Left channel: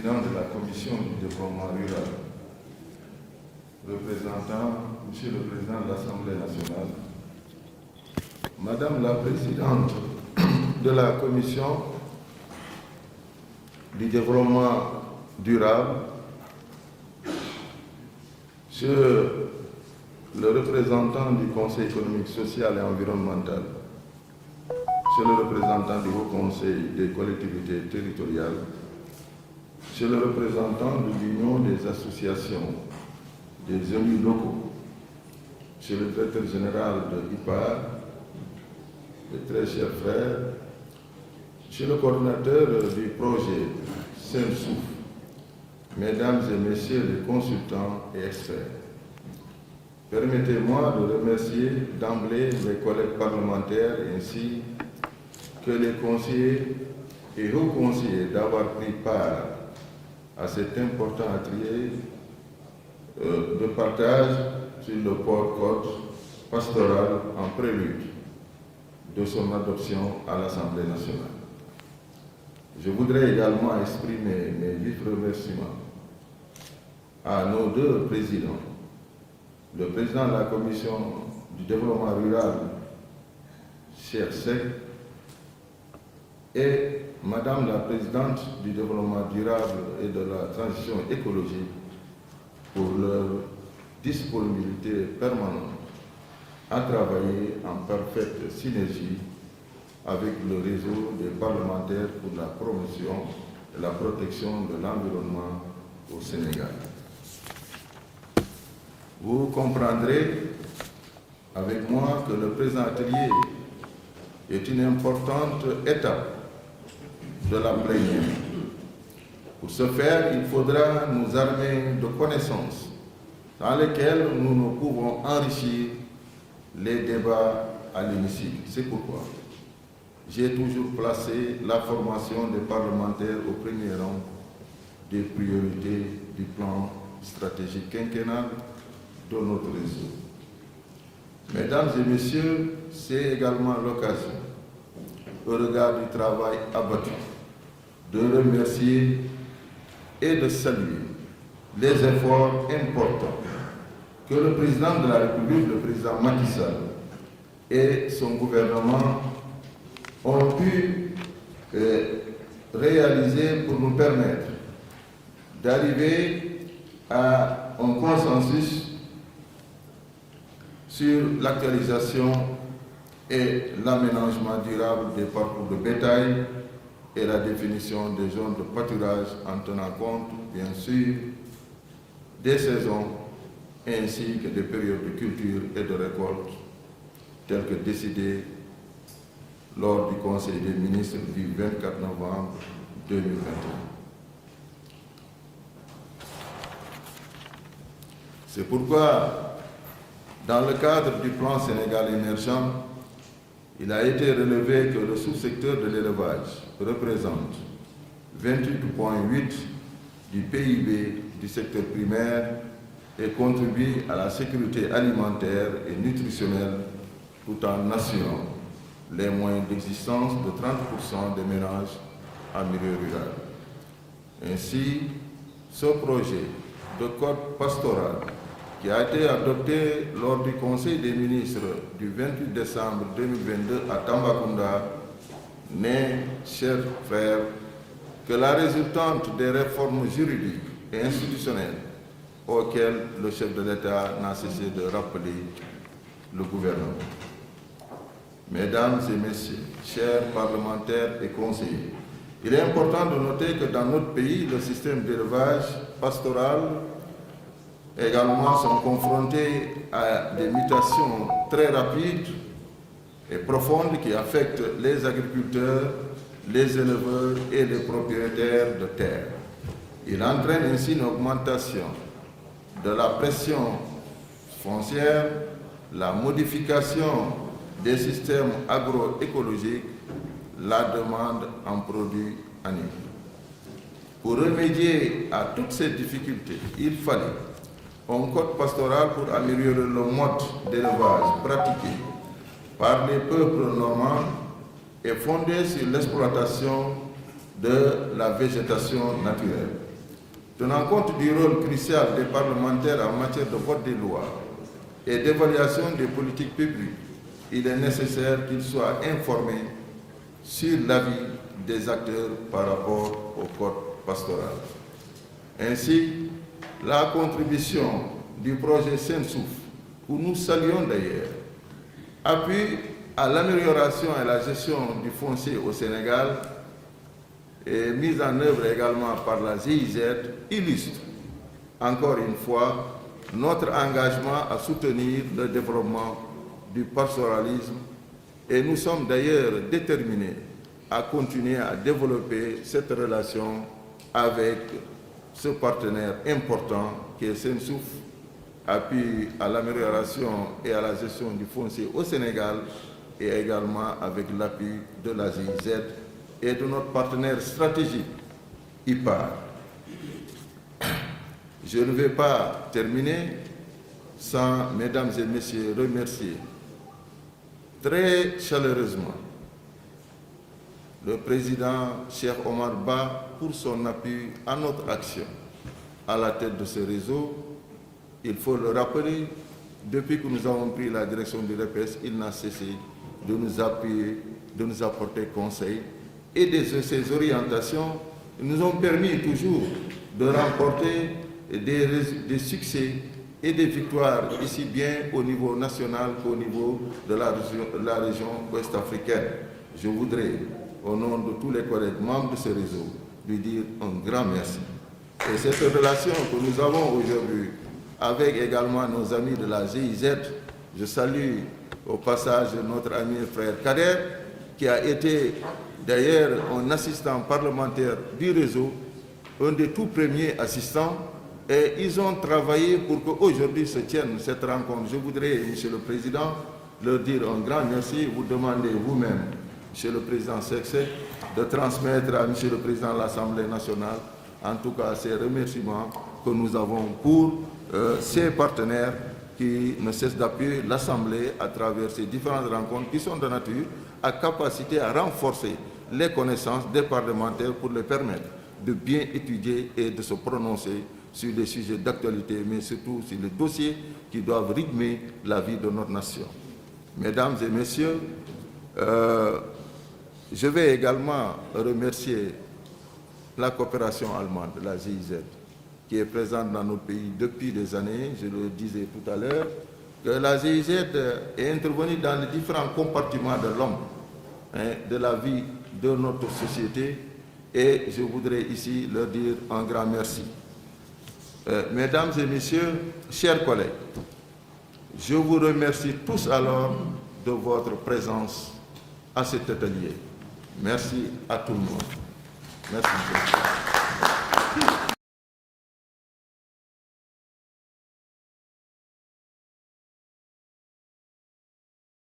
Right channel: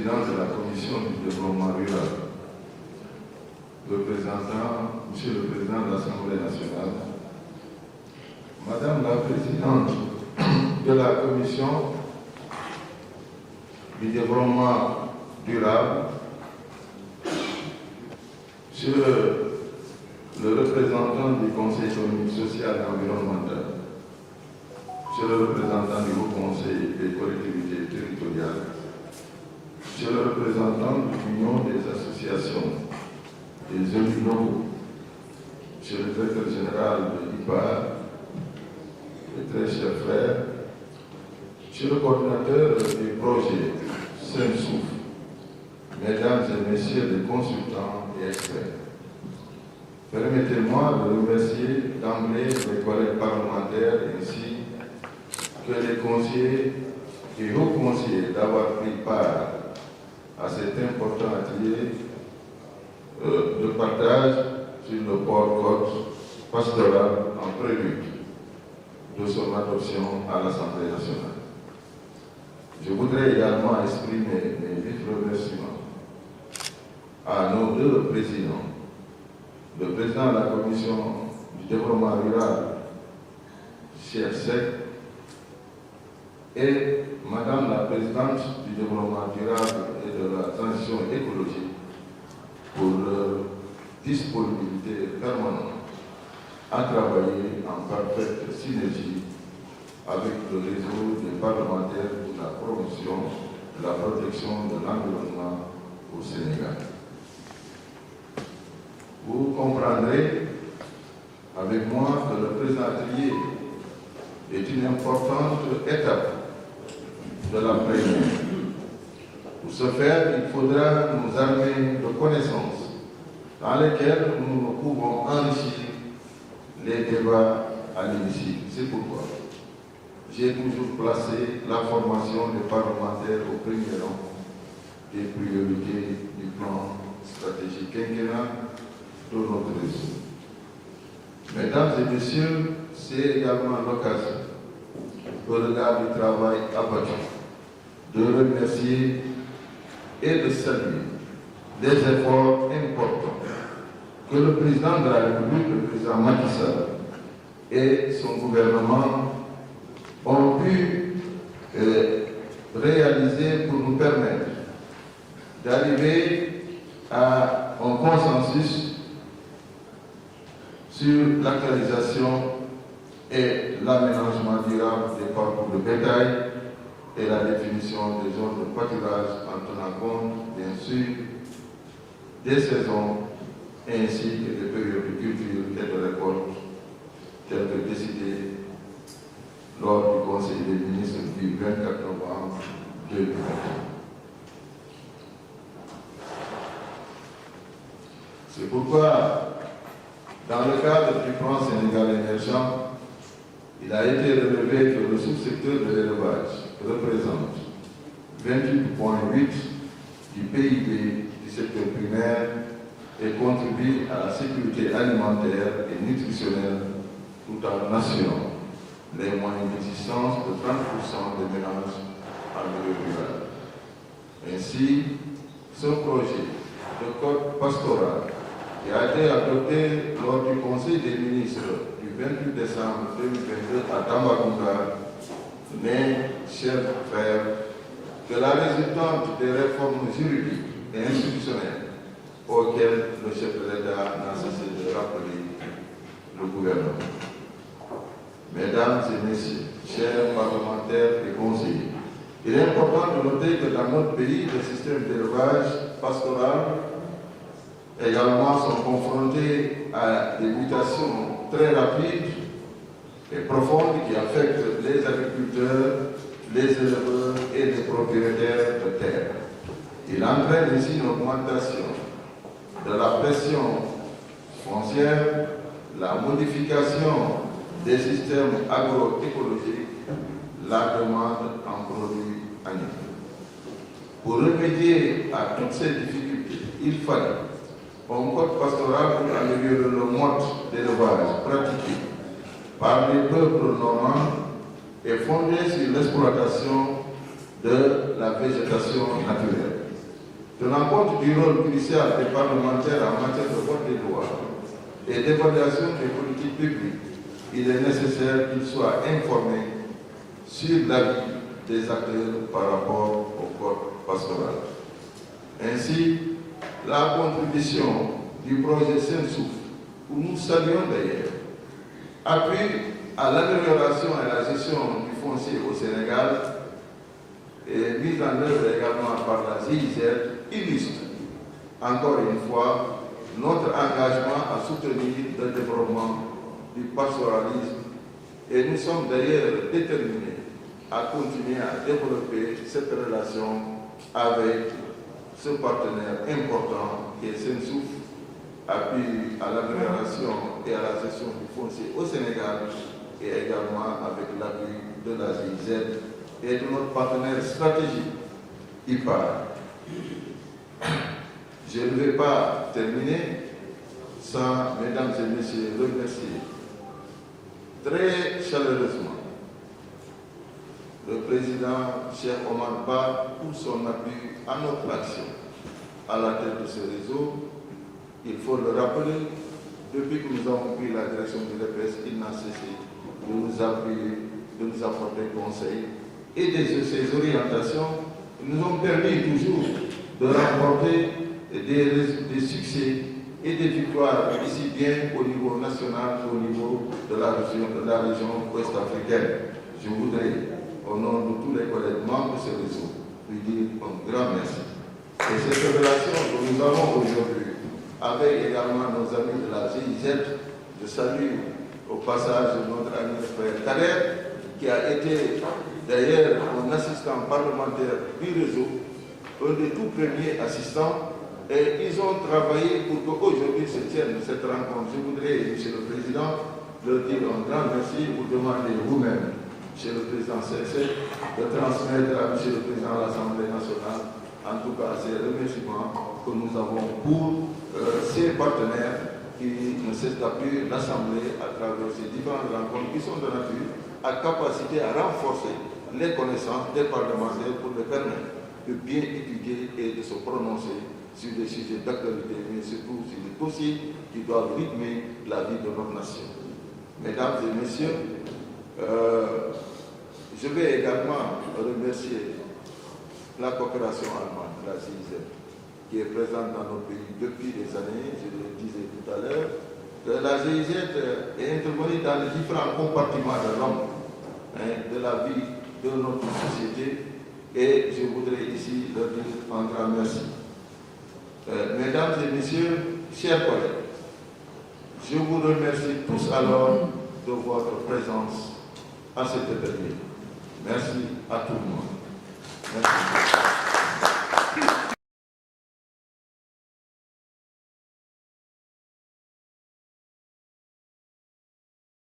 président de la commission du développement rural, Monsieur le Président de l'Assemblée nationale, Madame la Présidente de la commission du développement durable, Monsieur le représentant du Conseil économique, social et environnemental, Monsieur le représentant du Haut Conseil des collectivités territoriales, Monsieur le représentant de l'Union des associations des élus locaux, Monsieur le directeur général de l'IPAR, mes très chers frères, Monsieur le coordinateur du projet Saint-Souffle, Mesdames et Messieurs les consultants et experts, permettez-moi de remercier d'emblée mes collègues parlementaires ainsi que les conseillers et hauts conseillers d'avoir pris part à cet important atelier de partage sur le port pastoral en prélude de son adoption à l'Assemblée nationale. Je voudrais également exprimer mes vifs remerciements à nos deux présidents, le président de la Commission du développement rural, cher Seck, et Madame la Présidente du développement durable et de la transition écologique pour leur disponibilité permanente à travailler en parfaite synergie avec le réseau des parlementaires pour la promotion et la protection de l'environnement au Sénégal. Vous comprendrez avec moi que le présent atelier est une importante étape de la plénière. Pour ce faire, il faudra nous armer de connaissances dans lesquelles nous pouvons enrichir les débats à l'hémicycle. C'est pourquoi j'ai toujours placé la formation des parlementaires au premier rang des priorités du plan stratégique quinquennal de notre réseau. Mesdames et messieurs, c'est également l'occasion, au regard du travail abattu, de remercier et de saluer les efforts importants que le président de la République, le président Macky Sall et son gouvernement ont pu réaliser pour nous permettre d'arriver à un consensus sur l'actualisation et l'aménagement durable des parcours de bétail et la définition des zones de pâturage en tenant compte, bien sûr, des saisons ainsi que des périodes de culture et de récolte telles que décidées lors du Conseil des ministres du 24 novembre 2021. C'est pourquoi, dans le cadre du plan Sénégal émergent, il a été relevé que le sous-secteur de l'élevage représente 28,8% du PIB du secteur primaire et contribue à la sécurité alimentaire et nutritionnelle tout en assurant les moyens d'existence de 30% des ménages en milieu rural. Ainsi, ce projet de code pastoral qui a été adopté lors du Conseil des ministres du 28 décembre 2022 à Tambacounda n'est, chers frères, que la résultante des réformes juridiques et institutionnelles auxquelles le chef de l'État n'a cessé de rappeler le gouvernement. Mesdames et messieurs, chers parlementaires et conseillers, il est important de noter que dans notre pays, le système d'élevage pastoral également sont confrontés à des mutations très rapides et profondes qui affectent les agriculteurs, les éleveurs et les propriétaires de terres. Il entraîne ainsi une augmentation de la pression foncière, la modification des systèmes agroécologiques, la demande en produits animaux. Pour remédier à toutes ces difficultés, il fallait un code pastoral pour améliorer le mode d'élevage pratiqué par les peuples normands et fondé sur l'exploitation de la végétation naturelle. Tenant compte du rôle crucial des parlementaires en matière de vote des lois et d'évaluation des politiques publiques, il est nécessaire qu'ils soient informés sur l'avis des acteurs par rapport au code pastoral. Ainsi, la contribution du projet Sensouf, que nous saluons d'ailleurs, appuie à l'amélioration et la gestion du foncier au Sénégal et mise en œuvre également par la GIZ, illustre encore une fois notre engagement à soutenir le développement du pastoralisme et nous sommes d'ailleurs déterminés à continuer à développer cette relation avec ce partenaire important qui est Sensouf, appui à l'amélioration et à la gestion du foncier au Sénégal et également avec l'appui de la GIZ et de notre partenaire stratégique, IPAR. Je ne vais pas terminer sans, mesdames et messieurs, remercier très chaleureusement le président Cheikh Omar Ba pour son appui à notre action à la tête de ce réseau. Il faut le rappeler, depuis que nous avons pris la direction du REPES, il n'a cessé de nous appuyer, de nous apporter conseil et ces orientations nous ont permis toujours de remporter des succès et des victoires ici bien au niveau national qu'au niveau de la région ouest-africaine. Je voudrais, au nom de tous les collègues membres de ce réseau, lui dire un grand merci. Et cette relation que nous avons aujourd'hui avec également nos amis de la GIZ, je salue au passage notre ami et frère Kader, qui a été d'ailleurs un assistant parlementaire du réseau, un des tout premiers assistants, et ils ont travaillé pour qu'aujourd'hui se tienne cette rencontre. Je voudrais, Monsieur le Président, leur dire un grand merci. Vous demandez vous-même, Monsieur le Président Sexé, de transmettre à Monsieur le Président de l'Assemblée nationale, en tout cas ces remerciements que nous avons pour ces partenaires qui ne cessent d'appuyer l'Assemblée à travers ces différentes rencontres qui sont de nature à capacité à renforcer les connaissances des parlementaires pour les permettre de bien étudier et de se prononcer sur des sujets d'actualité, mais surtout sur les dossiers qui doivent rythmer la vie de notre nation. Mesdames et messieurs, je vais également remercier la coopération allemande, la GIZ, qui est présente dans notre pays depuis des années. Je le disais tout à l'heure, que la GIZ est intervenue dans les différents compartiments de l'homme, de la vie de notre société, et je voudrais ici leur dire un grand merci. Mesdames et messieurs, chers collègues, je vous remercie tous alors de votre présence à cet atelier. Merci à tout le monde. Merci.